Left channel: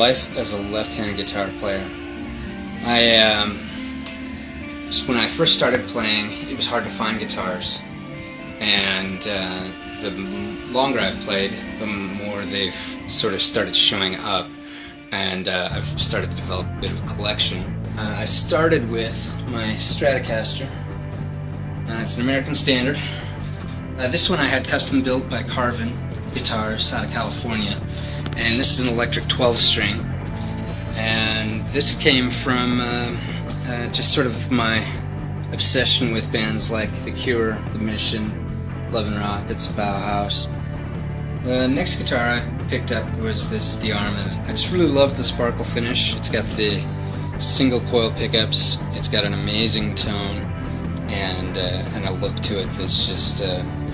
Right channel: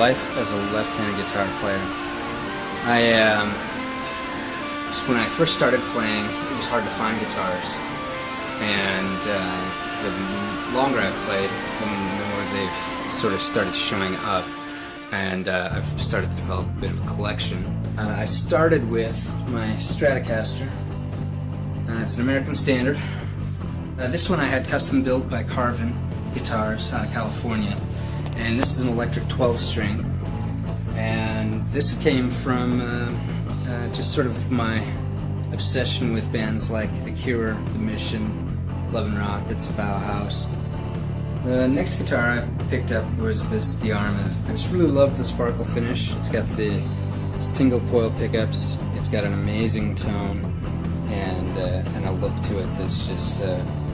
life as a left-handed guitar player. Just when I first started playing, it was hard to find guitars, and the longer I've played, the more they've sort of started showing up, and I've started to develop a bit of a collection. I started with my Stratocaster. It's an American Standard. This one I had custom built by Carvin Guitars out of California, and this is an electric 12-string, and this came from just sort of my obsession with bands like The Cure, The Mission, Love and Rockets, Bauhaus. The next guitar I picked up was this DeArmond. I just really love the sparkle finish. It's got the single coil pickups, it's got an amazing tone, and a look to it that's just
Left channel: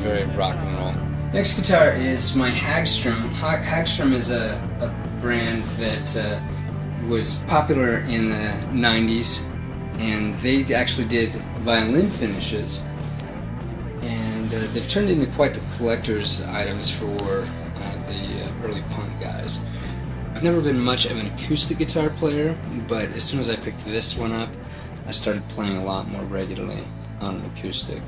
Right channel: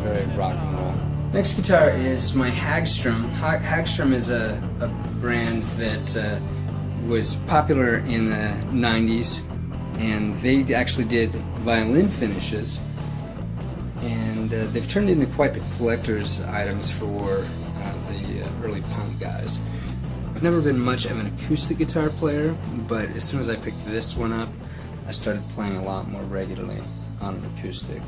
very rock and roll. Next guitar is my Hagstrom. Hagstrom is a brand that was popular in the 90s, and they actually did violin finishes, and they've turned into quite the collector's items for the early punk guys. I've never been much of an acoustic guitar player, but as soon as I picked this one up, I started playing a lot more regularly on an acoustic.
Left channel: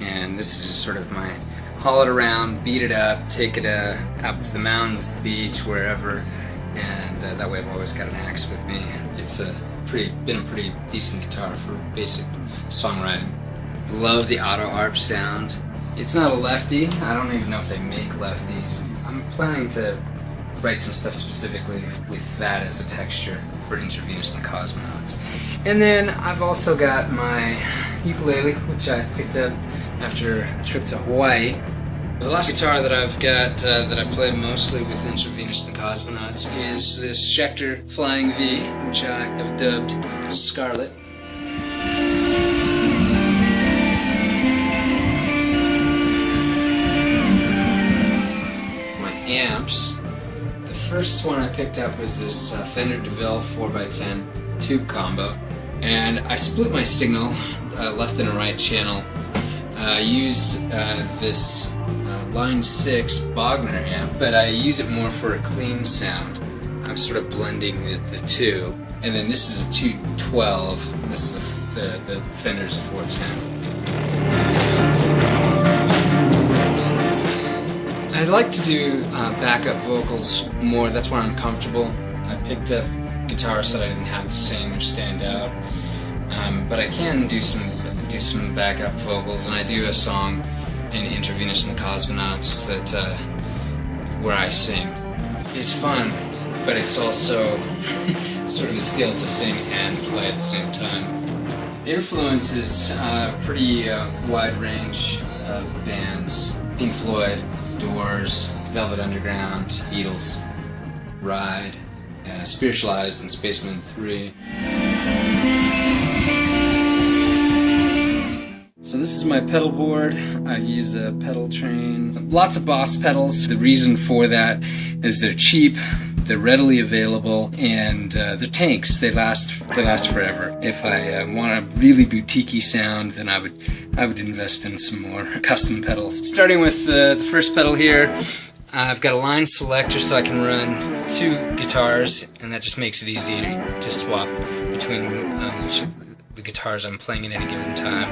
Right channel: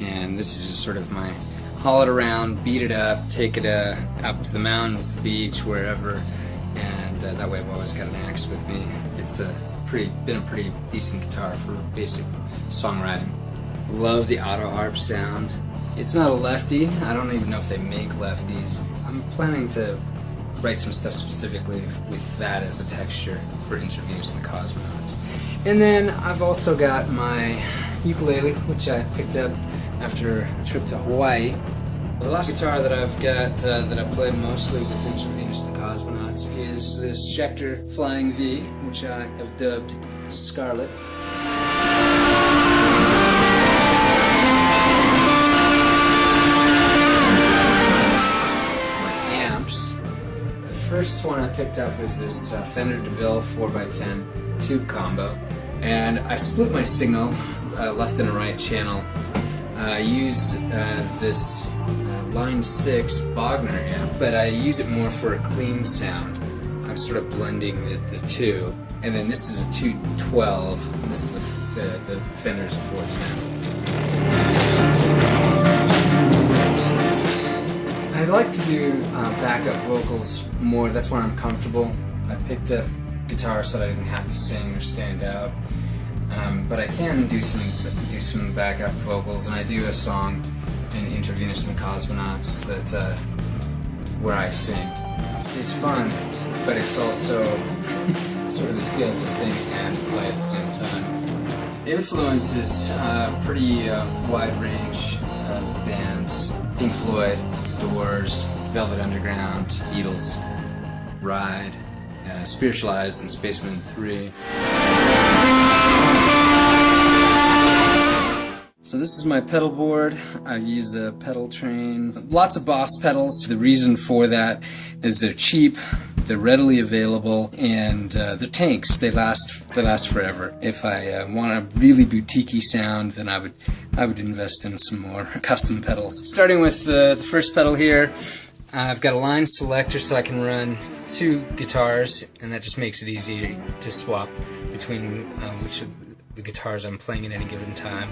And this is just sort of my haul it around, beat it up, take it up to the mountains, the beach, wherever, and that way I've always got an axe with me. It's been a pretty decent guitar for basic songwriting. Love the auto harp sound. It's not a lefty. I don't even know if they make lefties. I'm planning to write some stuff specifically with that as a texture for Intra-Venus the Cosmonauts. And then I've also got my ukulele, which I picked up after a trip to Hawaii. The last guitar that I've got that I play mostly with Intra-Venus the Cosmonauts is this Schecter Flying V, which I have dubbed Scarlet. My amps. The first one I picked up was this Fender DeVille 4x10 tube combo, and I split my signal left and a right channel. I use this Line 6 Bogner amp, but I use it more for a clean sound. I'm sort of blending the two. And then this is a 212, and this is the Fender's a 410. I like to do backup vocals more. That's when I'm comfortable. I picked up guitars that I didn't have to sing or stand out, but I can do some backup vocals, and I do a song in Intra-Venus and the Cosmonauts that where I sing. It's fun, but it's also sort of a skill to sing and play at the same time. Influences pretty wide range of bands: Pink Floyd, Doors, Velvet Underground, Beatles, Ride, Spiritualized, and Spaceman 3. So this is my pedal board. I use a pedal train. Lots of Boss pedals. The reason for that is they're cheap, they're readily available, and they're tanks. They last forever. If I want a really boutique-y sound, then I would invest in some more custom pedals. Starting with the first pedal here, I've got a line selector so I can run two guitars, and that just makes it easy to swap between each of the guitars I'm playing at any given time.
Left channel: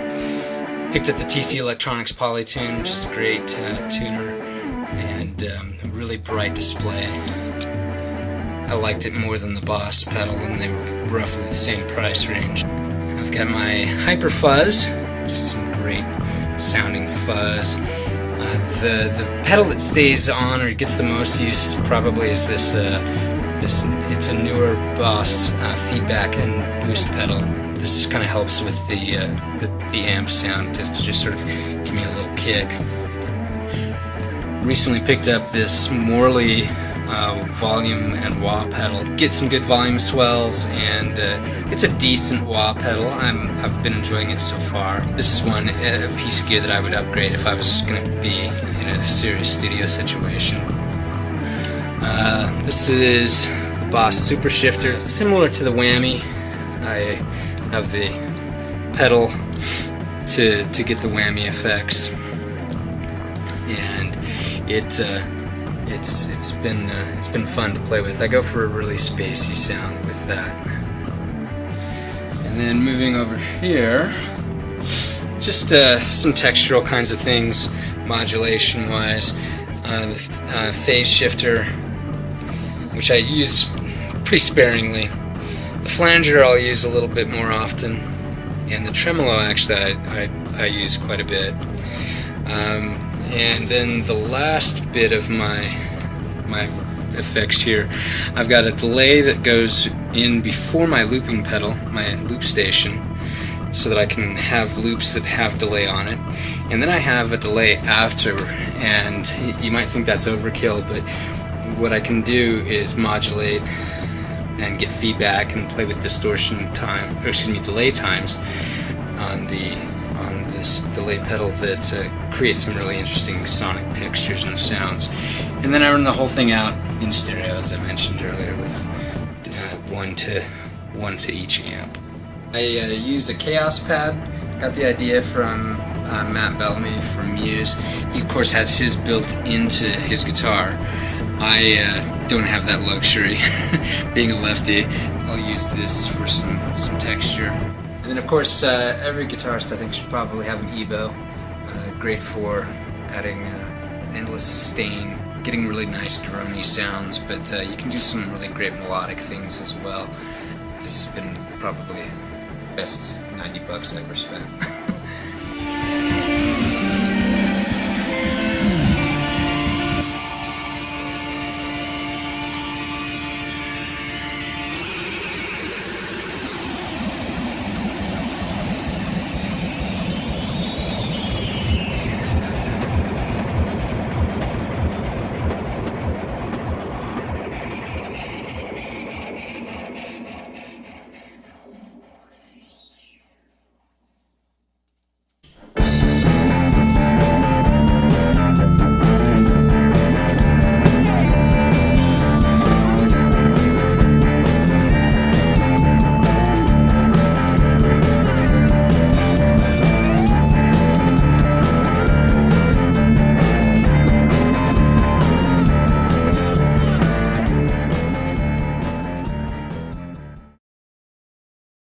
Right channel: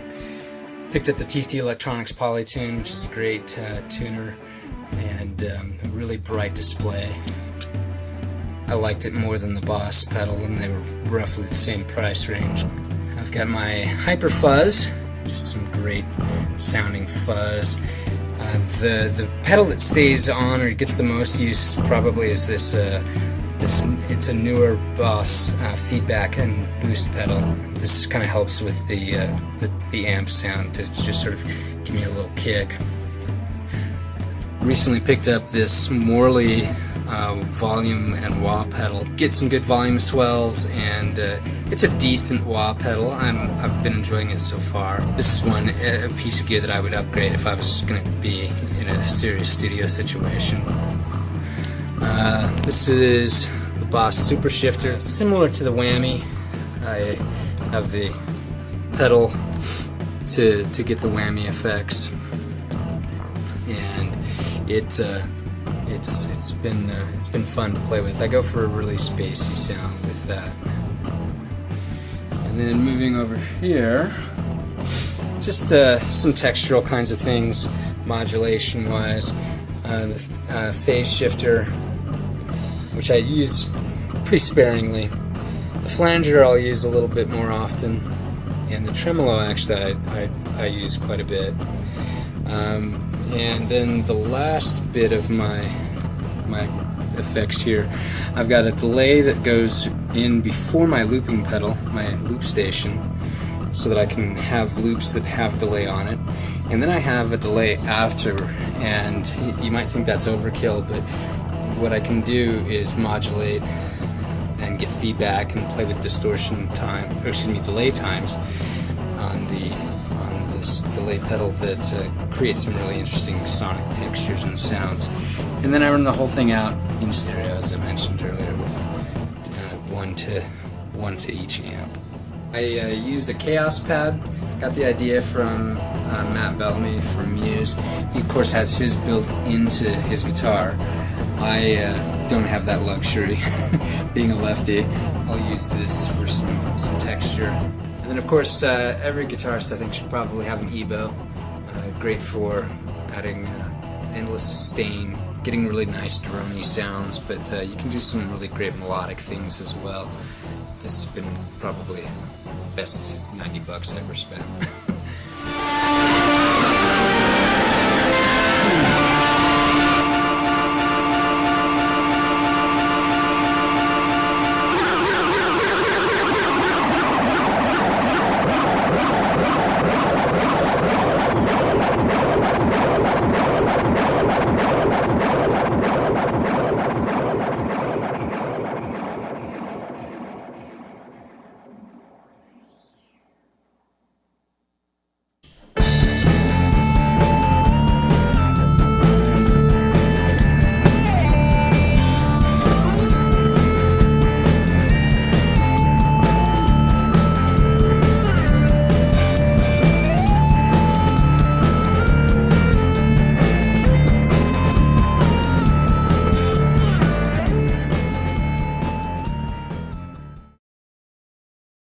Picked up the TC Electronics Polytune, which is a great tuner, and a really bright display. I liked it more than the Boss pedal, and they were roughly the same price range. I've got my Hyper Fuzz, just some great sounding fuzz. The pedal that stays on or gets the most use probably is this. It's a newer Boss feedback and boost pedal. This kind of helps with the amp sound to just sort of give me a little kick. Recently picked up this Morley volume and wah pedal. Get some good volume swells, and it's a decent wah pedal. I've been enjoying it so far. This is a piece of gear that I would upgrade if I was going to be in a serious studio situation. This is the Boss Super Shifter, similar to the Whammy. I have the pedal to get the whammy effects, and it it's been fun to play with. I go for a really spacey sound with that. And then moving over here, just some textural kinds of things, modulation-wise. The phase shifter, which I use pretty sparingly. The flanger I'll use a little bit more often, and the tremolo actually I use quite a bit. And then the last bit of my effects here, I've got a delay that goes in before my looping pedal, my loop station, so that I can have loops that have delay on it. And then I have a delay after, and you might think that's overkill, but what I can do is modulate and get feedback and play with distortion time, or excuse me, delay times on this delay pedal that creates some really interesting sonic textures and sounds. And then I run the whole thing out in stereo, as I mentioned earlier, with one to each amp. I used a Chaos pad. Got the idea from Matt Bellamy from Muse. He of course has his built into his guitar. I don't have that luxury. Being a lefty, I'll use this for some texture. And then of course every guitarist I think should probably have an EBO. Great for adding endless sustain, getting really nice droney sounds, but you can do some really great melodic things as well. This has been probably the best $90 I ever spent.